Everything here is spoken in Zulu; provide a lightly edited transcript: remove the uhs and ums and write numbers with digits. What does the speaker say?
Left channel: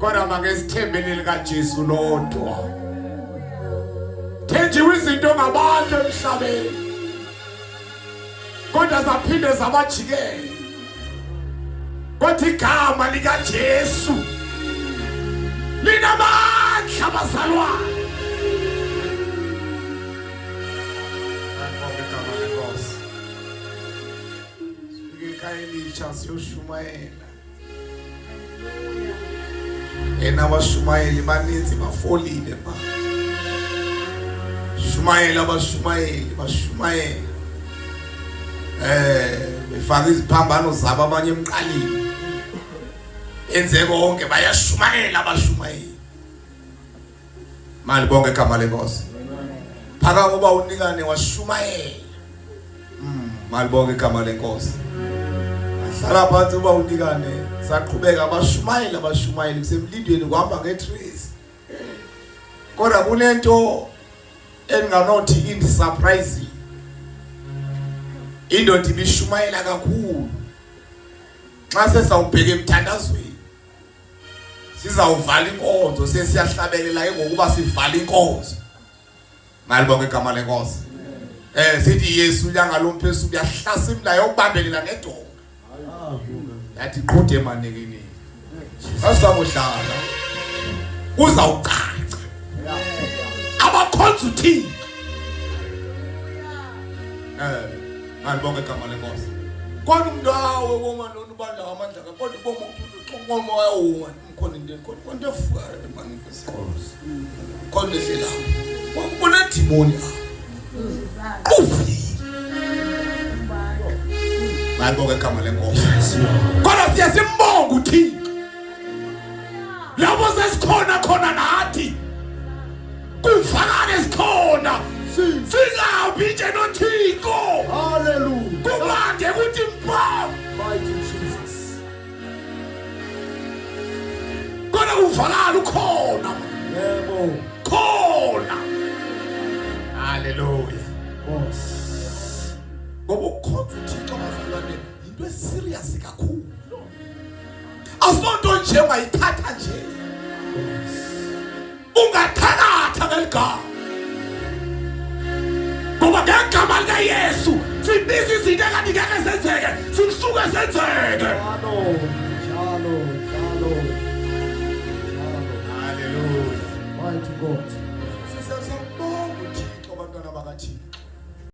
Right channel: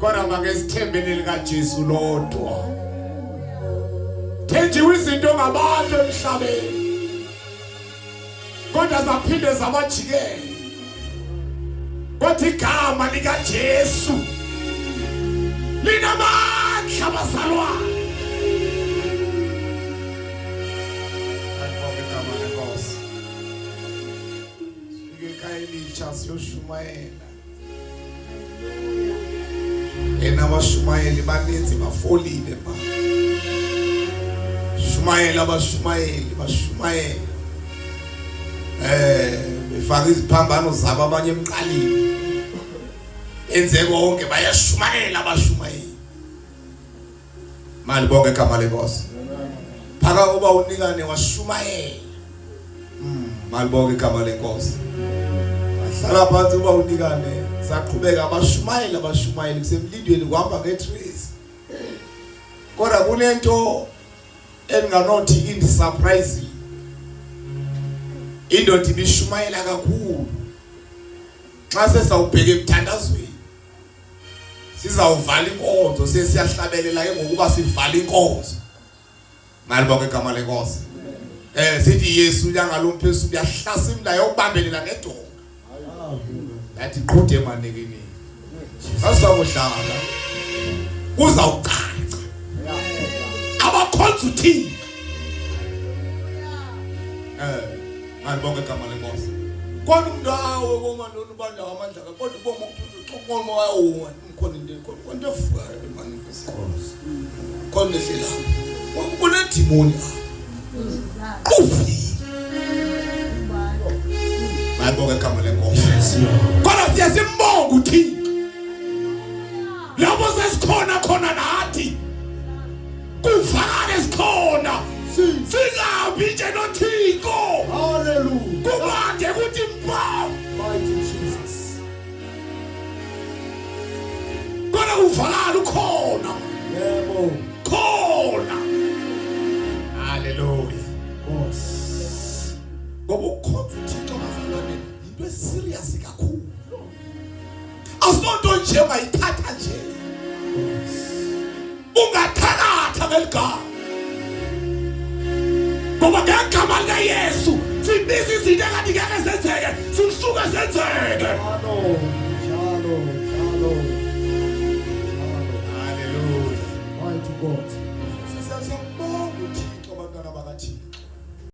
Kodwa makesithembeni lika Jesu lodwa. Thenjiwe izinto ngabantu emhlabeni. Kodwa zaphinde zabajikela. Kodwa igama lika Jesu linamandla bazalwane. Elisha siyoshumayela. Yena abashumayeli baninzi bafolile ba. Shumayela abashumayeli bashumayela. Befaka iziphambano zabo abanye emqaleni. Enze konke bayashumayela abashumayeli. Mali bonke igama lenkosi. Phaka ngoba unikane washumayela. Mali bonke igama lenkosi. Sala phansi uba unikane saqhubeka abashumayeli kusemlindweni kuhamba ngetrace. Kodwa kunento enganothi indi surprise. Indoda ibishumayela kakhulu. Xa sesawubheka emthandazweni sizawuvala inkonzo sesiyahlabelela ke ngokuba sivala inkonzo. Mali bonke igama lenkosi. Sithi Yesu uyangalomphezulu uyahlasa imlayo ukubambelela nedonga. Yathi qhude emanekeni. Asawudlala. Uzawucaca. Abakhonza uthini? Mali bonke igama lenkosi. Kodwa umuntu awe komandla ubanda amandla kodwa uboma uxokomo wayo umkhona into enkulu. Konke efukayo emanifestos. Konke ehlela. Ubona demoni. Ufi. Mali bonke igama lenkosi. Kodwa siyasimbonga uthini? Labo sesikhona khona nathi. Kuvakale sikhona. Singabi nje noThixo. Hallelujah. Kubande kuthi mpa. Mighty Jesus. Kodwa uvakala ukhona. Yebo. Khona. Hallelujah. Ngoba ukhonza uThixo bazalwane into eserious kakhulu. Asonto nje mayithatha nje. Ungathakatha ngeligama. Ngoba ngegama lika Yesu sibisa izinto ekade ngeke zenzeke sisuke zenzeke. Hallelujah. Mighty God.